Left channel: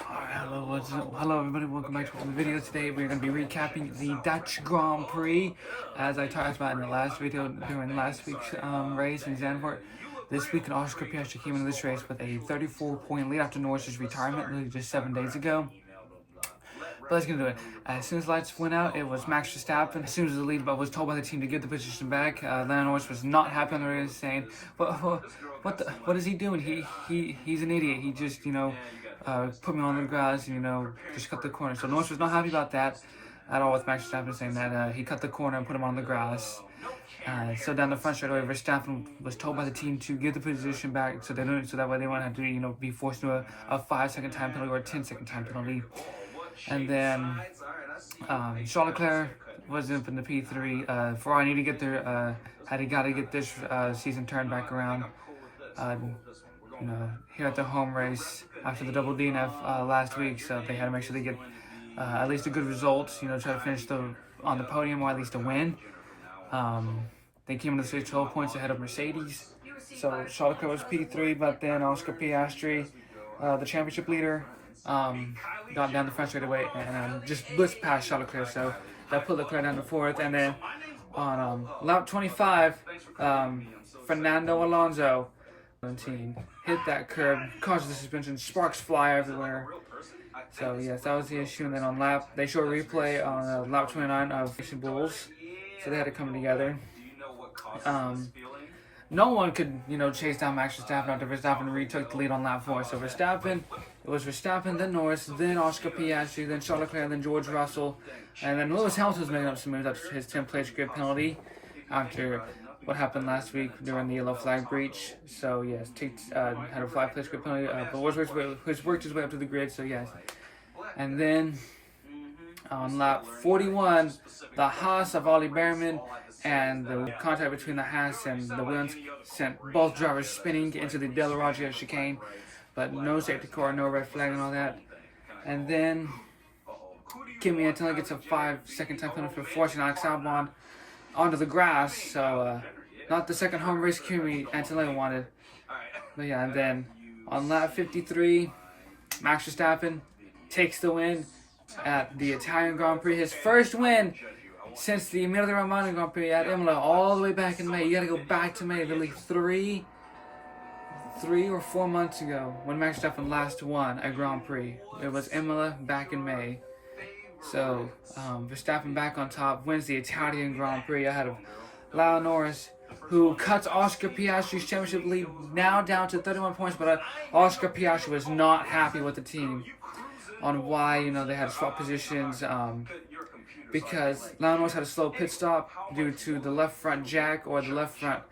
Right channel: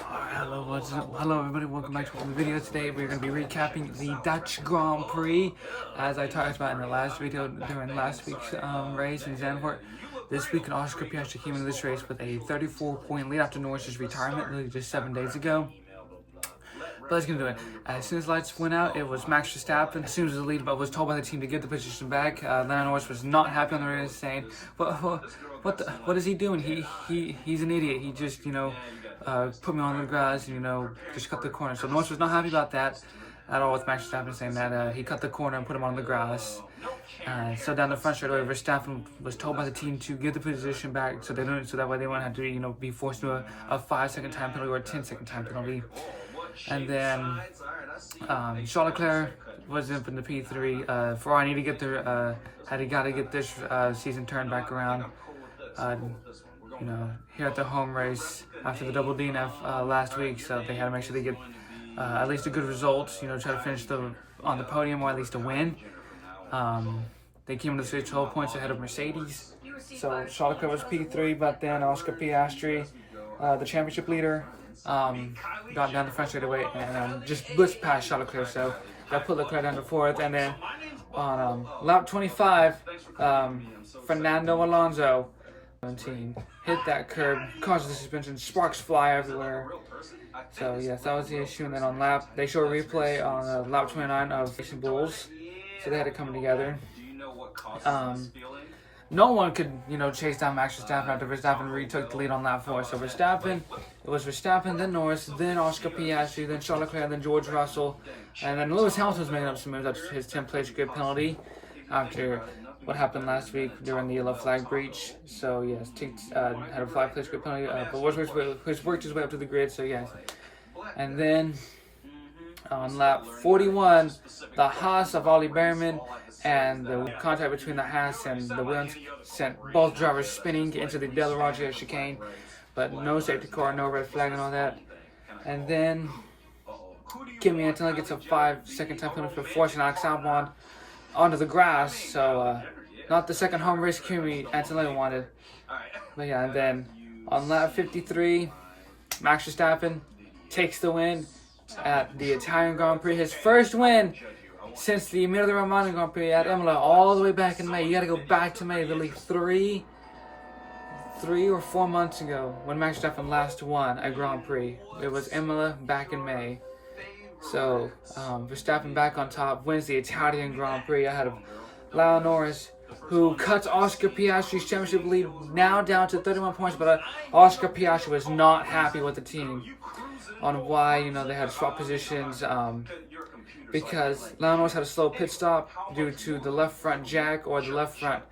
Hello everybody, welcome back to the video. Today we're going to be recapping the Dutch Grand Prix. As I talked about in the last video during last week's race in Zandvoort. This week Oscar Piastri came into this race with a 34-point lead after Norris's retirement literally just 7 days ago. But let's get into it. As soon as lights went out, it was Max Verstappen. As soon as the lead was told by the team to give the position back, Lando Norris was not happy on the race, saying, what is he doing? He's an idiot. He just, put me on the grass and, just cut the corner. So Norris was not happy about that at all with Max Verstappen saying that he cut the corner and put him on the grass. So down the front straightaway, Verstappen was told by the team to give the position back so that way they won't have to, be forced to a 5-second time penalty or a 10-second time penalty. And then Charles Leclerc was up in the P3. Ferrari needed to get their got to get this season turned back around. Here at the home race after the double DNF last week, so they had to make sure they get at least a good result. Try to finish on the podium or at least a win. They came into the race 12 points ahead of Mercedes. So Charles Leclerc was P3, but then Oscar Piastri, the championship leader, got down the front straight away and just blitzed past Charles Leclerc, so that put Leclerc down to 4th. And then on lap 25, Fernando Alonso hit that curb, caused the suspension, sparks fly everywhere. So yes, that was the issue. And then on they show a replay on lap 29 of Racing Bulls, so they had to come together. No one could, chase down Max Verstappen after Verstappen retook the lead on lap 4. So it was Verstappen, then Norris, then Oscar Piastri, then Charles Leclerc, then George Russell, and then Lewis Hamilton was making up some moves after his 10th-place grid penalty after what happened last week during the yellow flag breach. So yes, had a 5-place grid penalty, but worked his way up to the grid. So yes, and then on lap 41, the Haas of Ollie Behrman and the contact between the Haas and the Williams sent both drivers spinning into the Del Roggia chicane, but no safety car, no red flag and all that. And then Kimi Antonelli gets a 5-second time penalty for forcing Alex Albon onto the grass, so not the second home race Kimi Antonelli wanted. But yeah, and then on lap 53, Max Verstappen takes the win at the Italian Grand Prix, his first win since the Emilia Romagna Grand Prix at Imola all the way back in May. You got to go back to May, literally three or 4 months ago when Max Verstappen last won a Grand Prix. It was Imola back in May. So Verstappen back on top, wins the Italian Grand Prix ahead of Lando Norris, who cuts Oscar Piastri's championship lead now down to 31 points. But Oscar Piastri was not happy with the team on why they had swap positions. Because Lando Norris had a slow pit stop due to the left front jack or the left front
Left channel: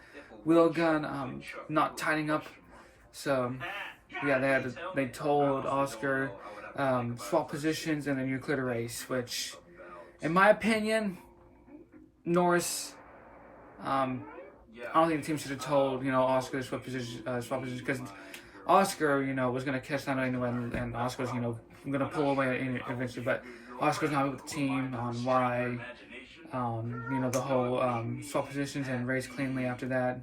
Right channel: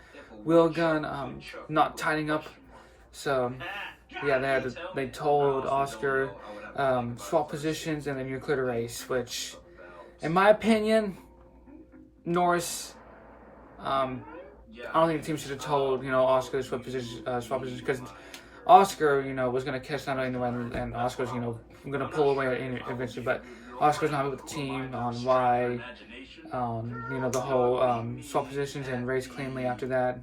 wheel gun not tightening up. So yeah, they told Oscar swap positions and then you clear the race. Which, in my opinion, Norris, I don't think the team should have told Oscar to swap positions because Oscar was gonna catch Lando anyway, and Oscar was gonna pull away eventually, but Oscar's not with the team on why, the whole swap positions and race cleanly after that.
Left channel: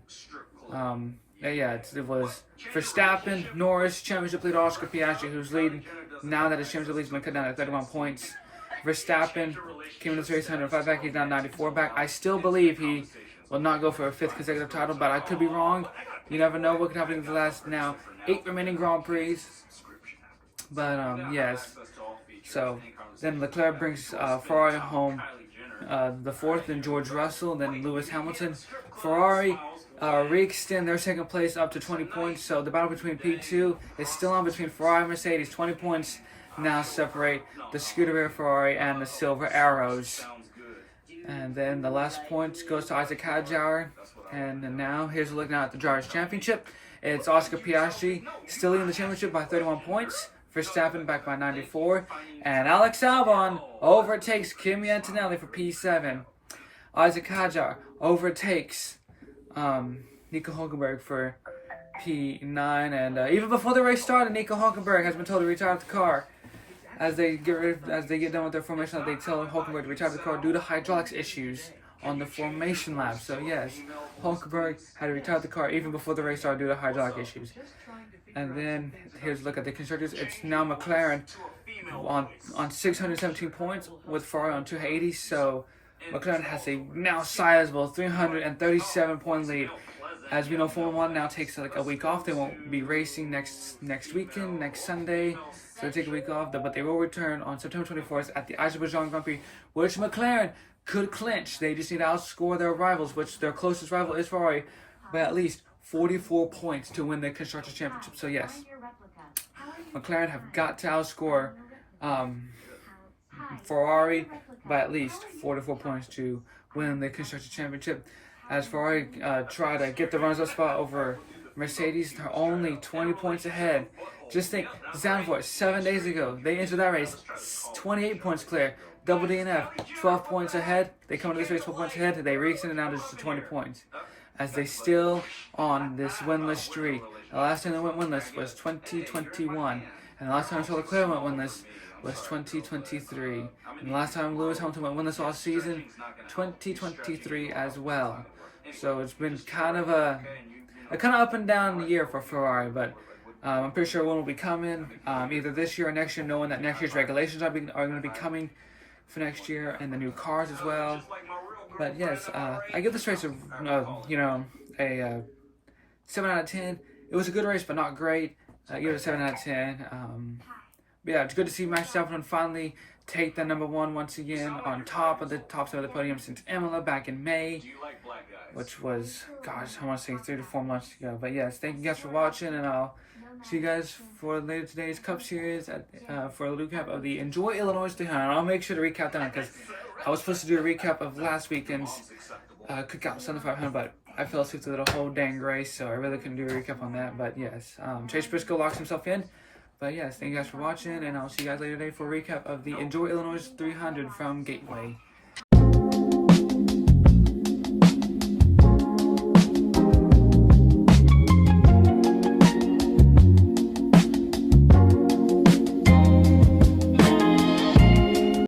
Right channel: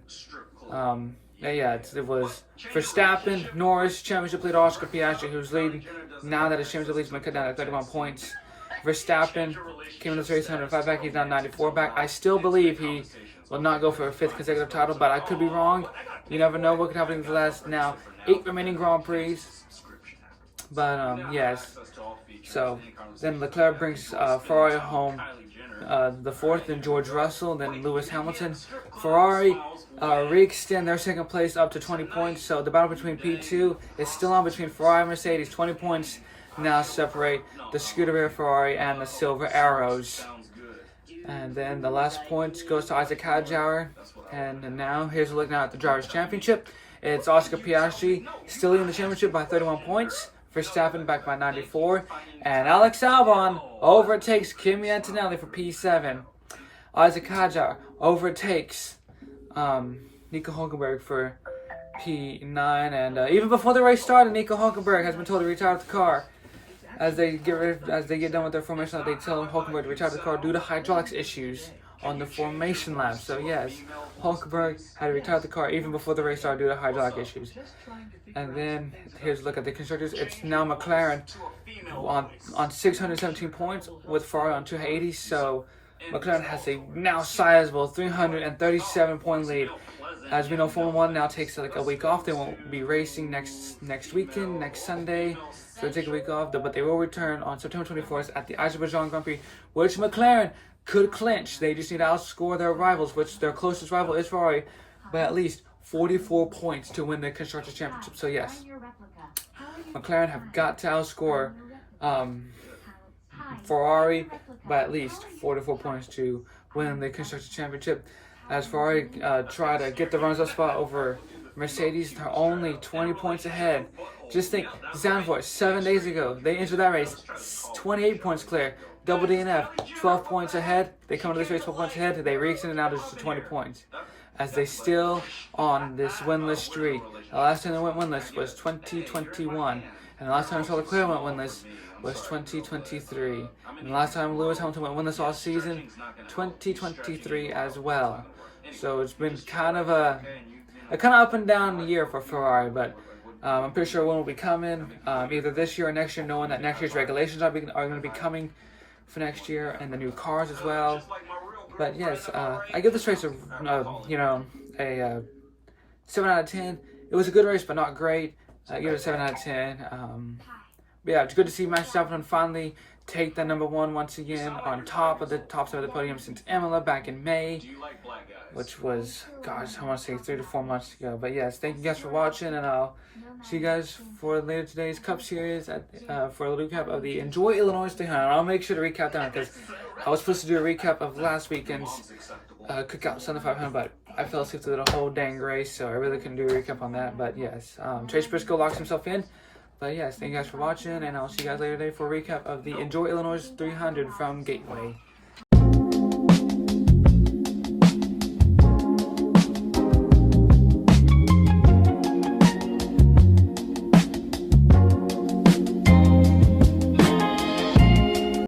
It was Verstappen, Norris, championship leader Oscar Piastri, who's leading now that his championship lead's been cut down to 31 points. Verstappen came into this race 105 back, he's now 94 back. I still believe he will not go for a 5th consecutive title, but I could be wrong. You never know what could happen in the last 8 remaining Grand Prix. But yes, so then Leclerc brings Ferrari home the 4th, then George Russell, then Lewis Hamilton. Ferrari re-extend their 2nd place up to 20 points, so the battle between P2 is still on between Ferrari and Mercedes. 20 points now separate the Scuderia Ferrari and the Silver Arrows. And then the last point goes to Isaac Hadjauer. And now here's a look now at the Drivers' Championship. It's Oscar Piastri still leading the championship by 31 points. Verstappen back by 94. And Alex Albon overtakes Kimi Antonelli for P7. Isaac Hadjar overtakes Nico Hulkenberg for P9. And even before the race started, Nico Hulkenberg has been told to retire the car. As they get done with their formation lap, they tell Hulkenberg to retire the car due to hydraulics issues on the formation lap. So yes, Hulkenberg had to retire the car even before the race started due to hydraulic issues. And then here's a look at the constructors. It's now McLaren on 617 points with Ferrari on 280. So McLaren has a now sizable 337 point lead. As we know, Formula One now takes like a week off. They won't be racing next weekend, next Sunday. So they take a week off, but they will return on September 24th at the Azerbaijan Grand Prix, which McLaren could clinch. They just need to outscore their rivals, which their closest rival is Ferrari, by at least 44 points to win the Constructors' Championship. So yes, McLaren have got to outscore Ferrari by at least 44 points to win the Constructors' Championship. As Ferrari try to get the runners-up spot over Mercedes, they're only 20 points ahead. Just think, Zandvoort, 7 days ago, they entered that race 28 points clear. Double DNF, 12 points ahead. They come into this race 12 points ahead. They re-extended now to 20 points. As they still on this winless streak. The last time they went winless was 2021. And the last time Charles Leclerc went winless was 2023. And the last time Lewis Hamilton went winless all season, 2023 as well. So it's been kind of a kind of up and down year for Ferrari, but I'm pretty sure one will be coming either this year or next year, knowing that next year's regulations are going to be coming for next year, and the new cars as well. But yes, I give this race a 7 out of 10. It was a good race, but not great. I give it a 7 out of 10. But yeah, it's good to see Max Verstappen finally take the number one once again on top side of the podium since Imola back in May, which was, gosh, I want to say 3 to 4 months ago. But yes, thank you guys for watching, and I'll see you guys for later today's Cup Series for a recap of the Enjoy Illinois 300. I'll make sure to recap that because I was supposed to do a recap of last weekend's Cookout Sunday 500, but I fell asleep through the whole dang race, so I really couldn't do a recap on that. But yes, Chase Briscoe locks himself in. But yes, thank you guys for watching, and I'll see you guys later today for a recap of the Enjoy Illinois 300 from Gateway.